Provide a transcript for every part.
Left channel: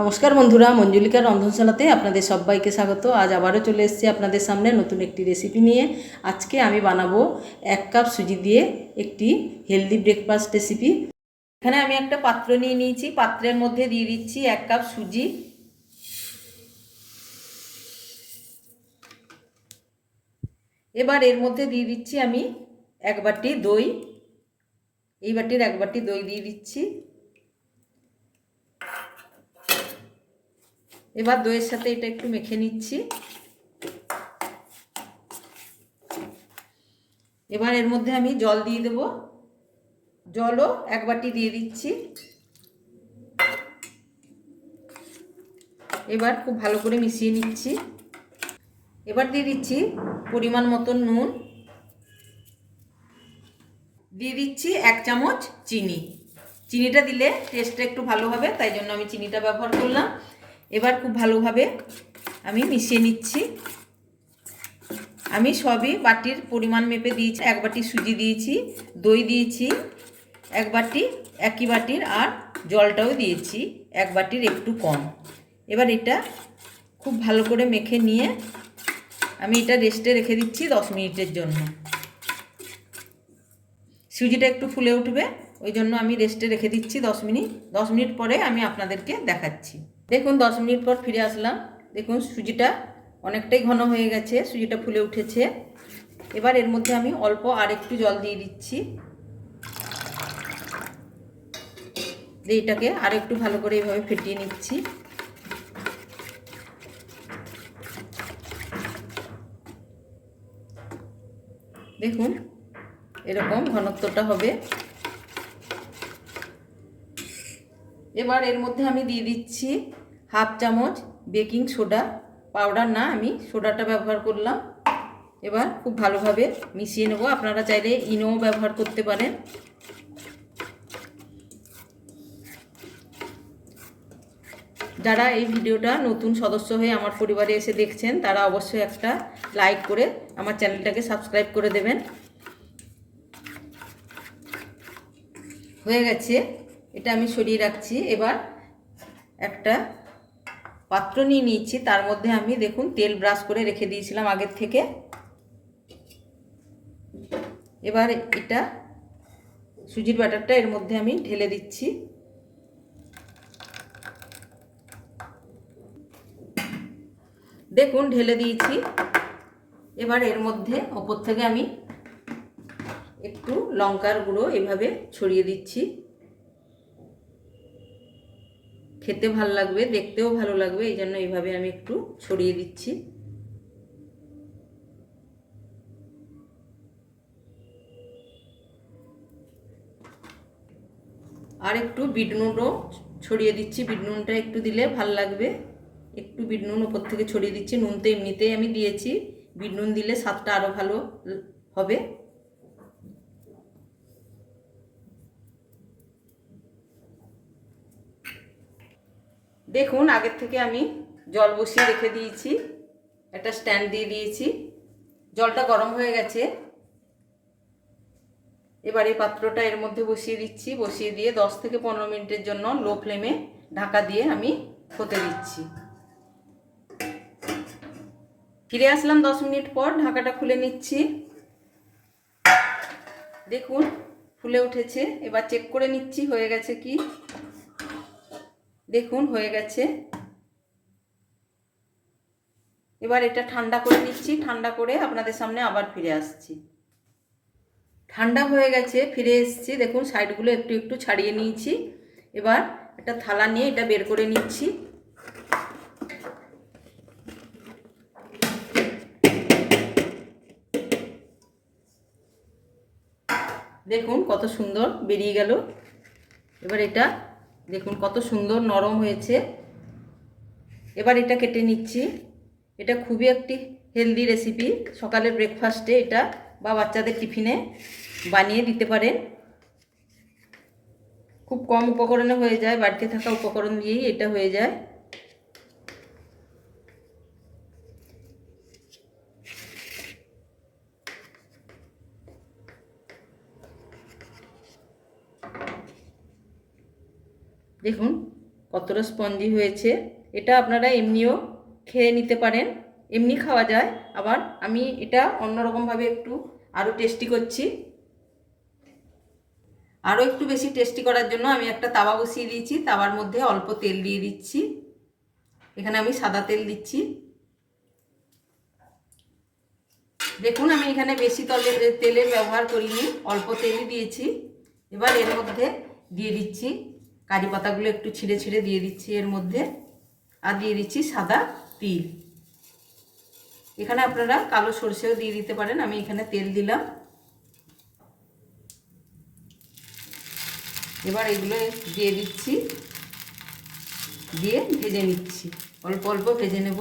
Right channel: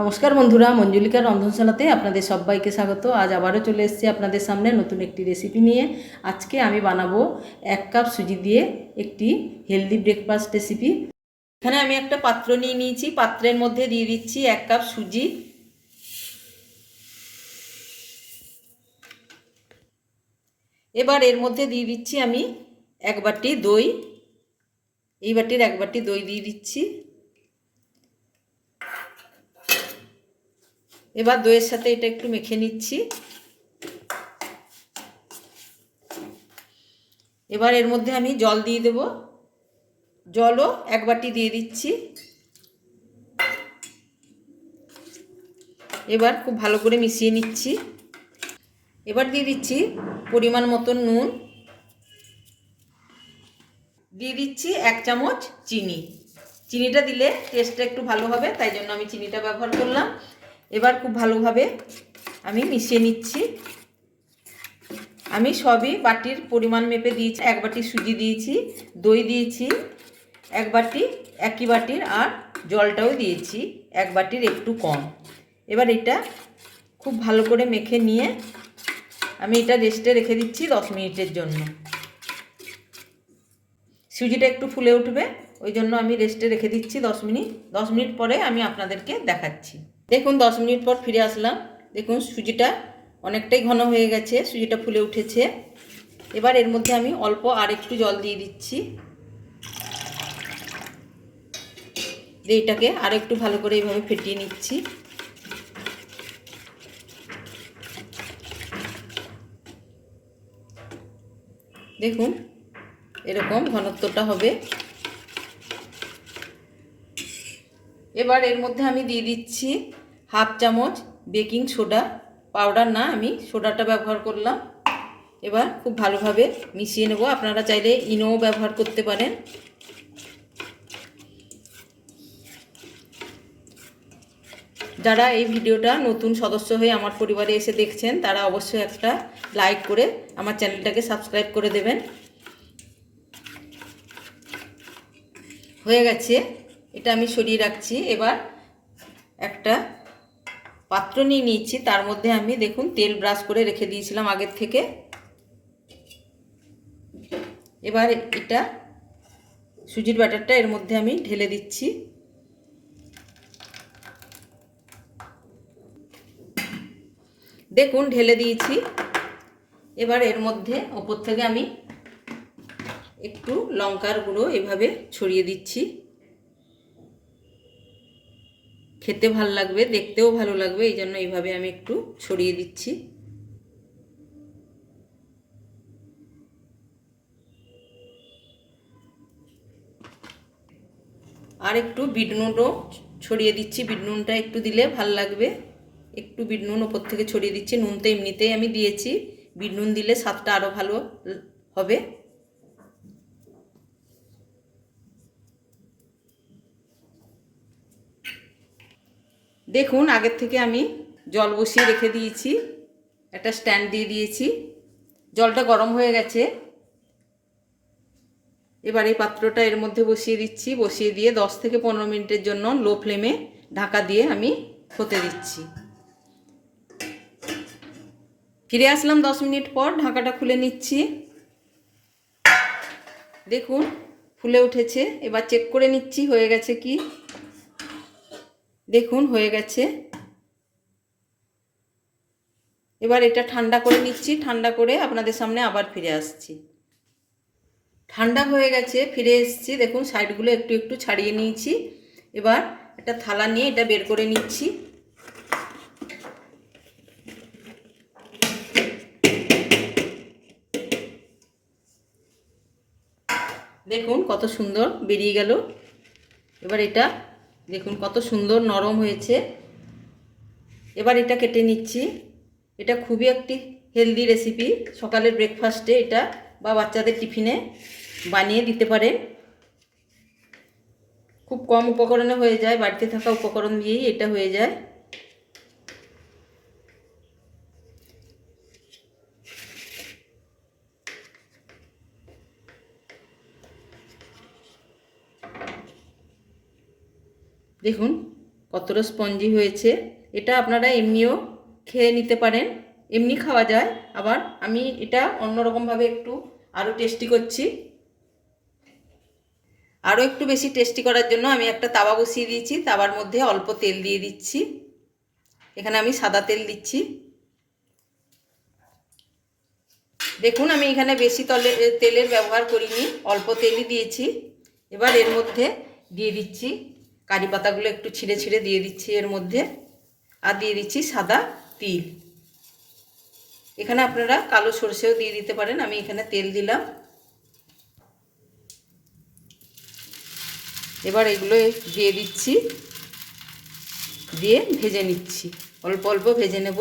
নমস্কার বন্ধুরা, মঞ্জুলিকার রন্ধনশালাতে আপনাদের সবাইকে স্বাগত। আজ আবারও চলে এসেছি আপনাদের সামনে নতুন একটি রেসিপি নিয়ে। আজকে আমি বানাবো এক কাপ সুজি দিয়ে একটি হেলদি ব্রেকফাস্ট রেসিপি এখানে আমি একটা পাত্র নিয়ে নিয়েছি, পাত্রের মধ্যে দিয়ে দিচ্ছি এক কাপ সুজি। এবার এর মধ্যে দিয়ে দিচ্ছি আমি এক বাটি দই। এই বাটির এক বাটি দই দিয়ে দিচ্ছি। এবার দইয়ের সাথে এটা একটু মেখে নিচ্ছি। এবার এর মধ্যে আমি জল দিয়ে দেব। জলও এক বাটি দিয়ে দিচ্ছি। এবার খুব ভালো করে মিশিয়ে নিচ্ছি। এবার দিয়ে দিচ্ছি পরিমাণ মতন নুন। দিয়ে দিচ্ছি এক চামচ চিনি। চিনিটা দিলে টেস্টটা একটু ভালো হবে, তাই জন্য আমি চিনিটা ব্যবহার করলাম। এবার খুব ভালোভাবে আমি মিশিয়ে নিচ্ছি। আমি সবই বাটির পরিমাণ মেপে দিয়েছি। এক বাটি সুজি দিয়েছি, দই দিয়েছি, এক বাটি একই বাটির আর জলটাও দিয়েছি, এক বাটির একটু কম। এবার এটা খুব ভালো করে মেখে নিয়ে আমি এটা রেস্টে রেখে দিচ্ছি দশ মিনিটের জন্য। সুজিটা একটু ফুলে উঠবে, ওই জন্য আমি রেস্টে রেখে দিচ্ছি দশ মিনিট। দশ মিনিট পরে আমি আপনাদেরকে দেখাচ্ছি। দেখুন, দশ মিনিট পর ফিরে আসলাম। দেখুন, সুজিটা অনেকটাই ঘন হয়ে গেছে, সুজিটা ফুলে উঠেছে। এবার এর মধ্যে আমি অল্প আর একটু জল দিয়ে দিচ্ছি। দিয়ে এটাকে আর একটু ভালো করে এইভাবে ফেটিয়ে নিচ্ছি। দেখুন, এরকম ঘনত্বটা হবে। এবার এর মধ্যে আমি দিয়ে দিচ্ছি হাফ চামচ বেকিং সোডা। পাউডার না, আমি সোডাটা ব্যবহার করলাম। এবার খুব ভালোভাবে মিশিয়ে নেব। আপনারা চাইলে ইনোও ব্যবহার করতে পারেন। যারা এই ভিডিওটা নতুন সদস্য হয়ে আমার পরিবারে এসে দেখছেন, তারা অবশ্যই একটা লাইক করে আমার চ্যানেলটাকে সাবস্ক্রাইব করে দেবেন। হয়ে গেছে। এটা আমি সরিয়ে রাখছি। এবার একটা পাত্র নিয়ে নিয়েছি। তার মধ্যে আমি দেখুন তেল ব্রাশ করে রেখে দিয়েছিলাম আগের থেকে। এবার এটা সুজির ব্যাটারটা এর মধ্যে আমি ঢেলে দিচ্ছি। দেখুন ঢেলে দিয়েছি। এবার এর মধ্যে ওপর থেকে আমি একটু লঙ্কার গুঁড়ো এভাবে ছড়িয়ে দিচ্ছি। খেতে ভালো লাগবে, দেখতেও ভালো লাগবে, এই জন্য এইভাবে আমি একটু ছড়িয়ে দিচ্ছি। আর একটু বিট নুনও ছড়িয়ে দিচ্ছি, বিট নুনটা একটু দিলে ভালো লাগবে। একটু বিট নুন ওপর থেকে ছড়িয়ে দিচ্ছি নুন তো এমনিতেই আমি দিয়েছি, বিট নুন দিলে স্বাদটা আরও ভালো হবে। দেখুন, আগের থেকে আমি জল বসিয়ে রেখে দিয়েছি। একটা স্ট্যান্ড দিয়ে দিয়েছি। জলটা গরম হয়ে গেছে। এবার এই পাত্রটা এর মধ্যে বসিয়ে দিচ্ছি। বসিয়ে দিয়ে দশ থেকে পনেরো মিনিটের জন্য লো ফ্লেমে ঢাকা দিয়ে আমি হতে দিচ্ছি। ফিরে আসলাম দশ মিনিট পর। ঢাকাটা খুলে নিচ্ছি। দেখুন, ফুলে উঠেছে। এবার চেক করে নিচ্ছি হয়ে গেছে কি। দেখুন, হয়ে গেছে। এবার এটা ঠান্ডা করে নিচ্ছি। ঠান্ডা করে আপনাদের সামনে আবার ফিরে আসছি। ঠান্ডা হয়ে গেছে, ফিরে এসেছি। দেখুন, সাইডগুলো একটু একটু ছাড়িয়ে নিয়েছি। এবার একটা থালা নিয়ে এটা বের করে নিচ্ছি। দেখুন, কত সুন্দর বেরিয়ে গেল। এবার এটা দেখুন কত সুন্দর নরম হয়েছে। এবার এটা কেটে নিচ্ছি। এটা খুবই একটি হেলদি রেসিপি সকালের ব্রেকফাস্টে এটা বা বাচ্চাদের টিফিনে বানিয়ে দিতে পারেন। খুব কম উপকরণে হয়ে যায়, বাড়িতে থাকা উপকরণ দিয়েই এটা হয়ে যায়। দেখুন, কতটা স্পঞ্জি হয়েছে। এটা আপনারা এমনিও খেয়ে নিতে পারেন। এমনি খাওয়া যায়। আবার আমি এটা অন্যরকমভাবে একটু আরও টেস্টি করছি। আরও একটু বেশি টেস্টি করার জন্য আমি একটা তাওয়া বসিয়ে দিয়েছি। তাওয়ার মধ্যে অল্প তেল দিয়ে দিচ্ছি। এখানে আমি সাদা তেল দিচ্ছি। দেখুন, আমি এখানে বেশি তলে, তেলের ব্যবহার করিনি। অল্প তেলই দিয়েছি। এবার এর মধ্যে দিয়ে দিচ্ছি কারি পাতাগুলো একটু ছিঁড়ে ছিঁড়ে দিয়ে দিচ্ছি এর মধ্যে। আর দিয়ে দিচ্ছি সাদা তিল। এখানে আপনারা কালো সর্ষেও দিয়ে দিতে পারেন, আমি এখানে তেল দিলাম। এবার এগুলো দিয়ে দিচ্ছি, দিয়ে ভেজে নিচ্ছি। অল্প অল্প ভেজে নেব।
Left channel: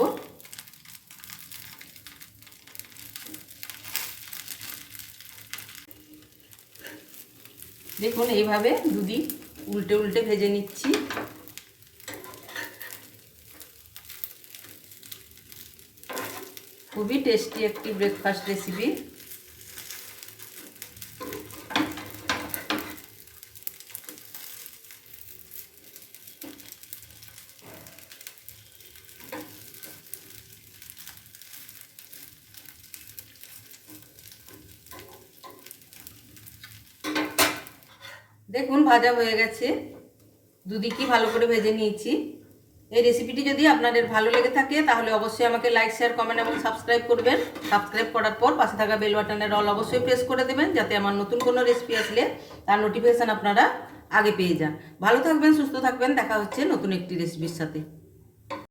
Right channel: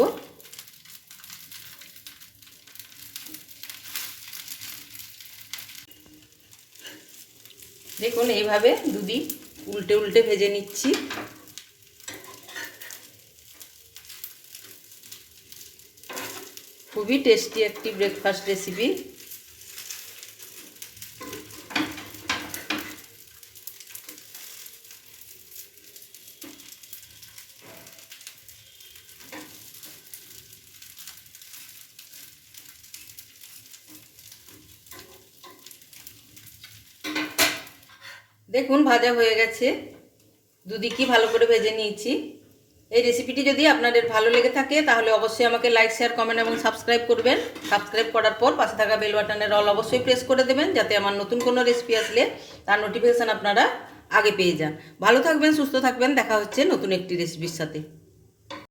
দেখুন, এইভাবে দুদিন উল্টে উল্টে ভেজে নিচ্ছি। খুবই টেস্টি একটি ব্রেকফাস্ট রেসিপি দেখুন, ভাজা হয়ে গেছে। দুদিকই ভালো করে ভেজে নিয়েছি। এই রেসিপিটি যদি আপনাদের ভালো লেগে থাকে, তাহলে অবশ্যই আমাকে লাইক শেয়ার কমেন্ট এবং সাবস্ক্রাইব করবেন। সাবস্ক্রাইব করার পর পাশে থাকা বেল বাটনের অল অবশ্যই প্রেস করে দেবেন, যাতে আমার নতুন কোনো রেসিপি আসলে তার নোটিফিকেশান আপনারা আগে পেয়ে যান। ভালো থাকবেন, সুস্থ থাকবেন, দেখা হচ্ছে নতুন একটি রেসিপির সাথে।